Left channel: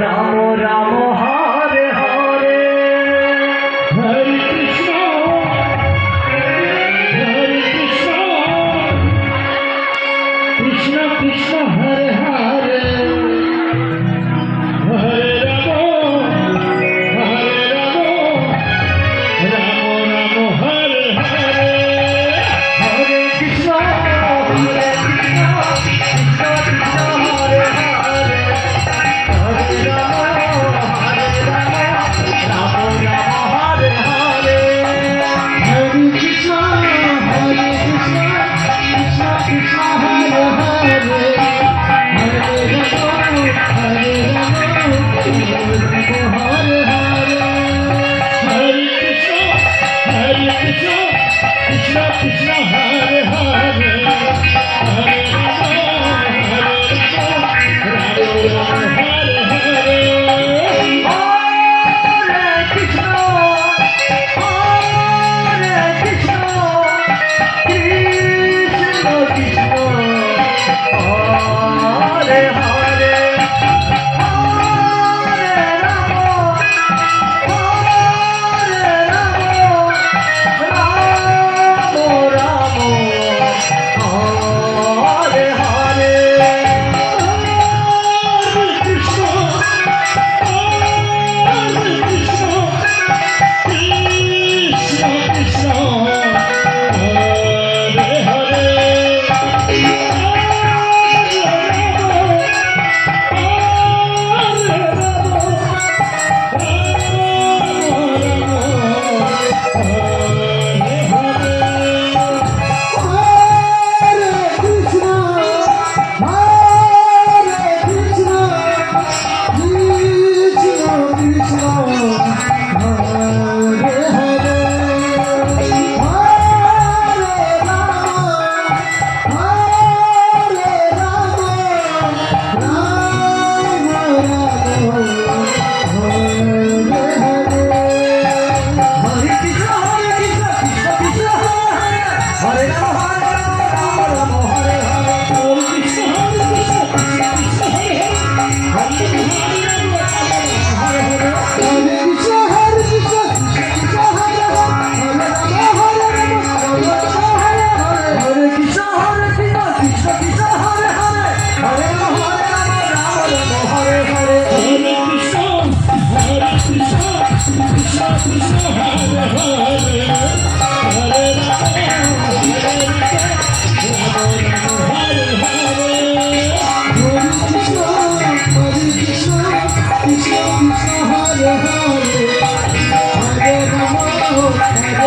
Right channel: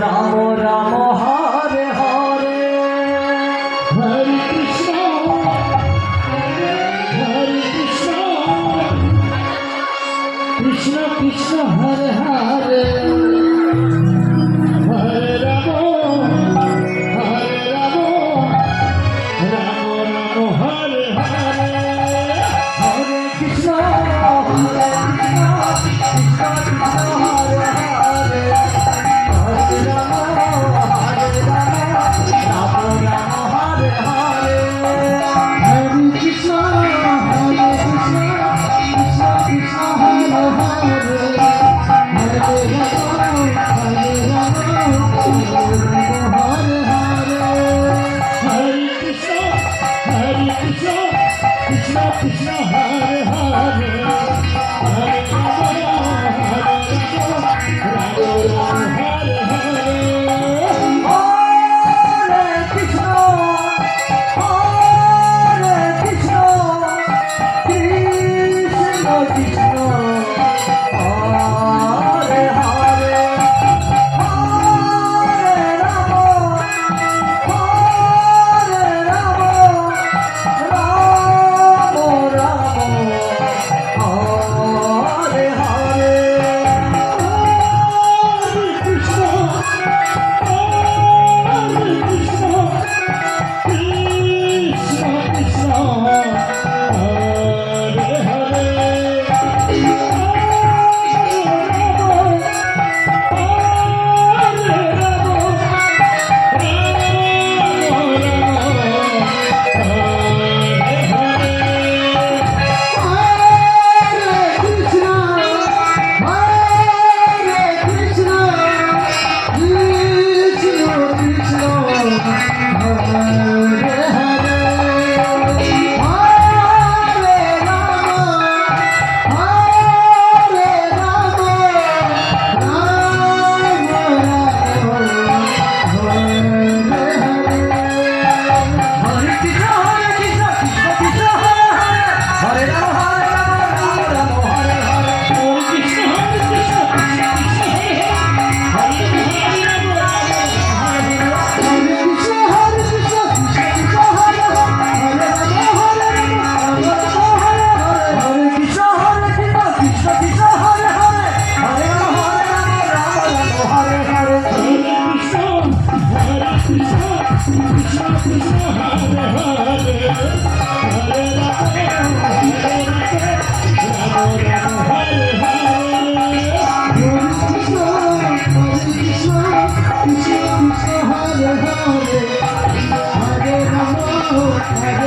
Ram Ram Krishna Hare Obrigado.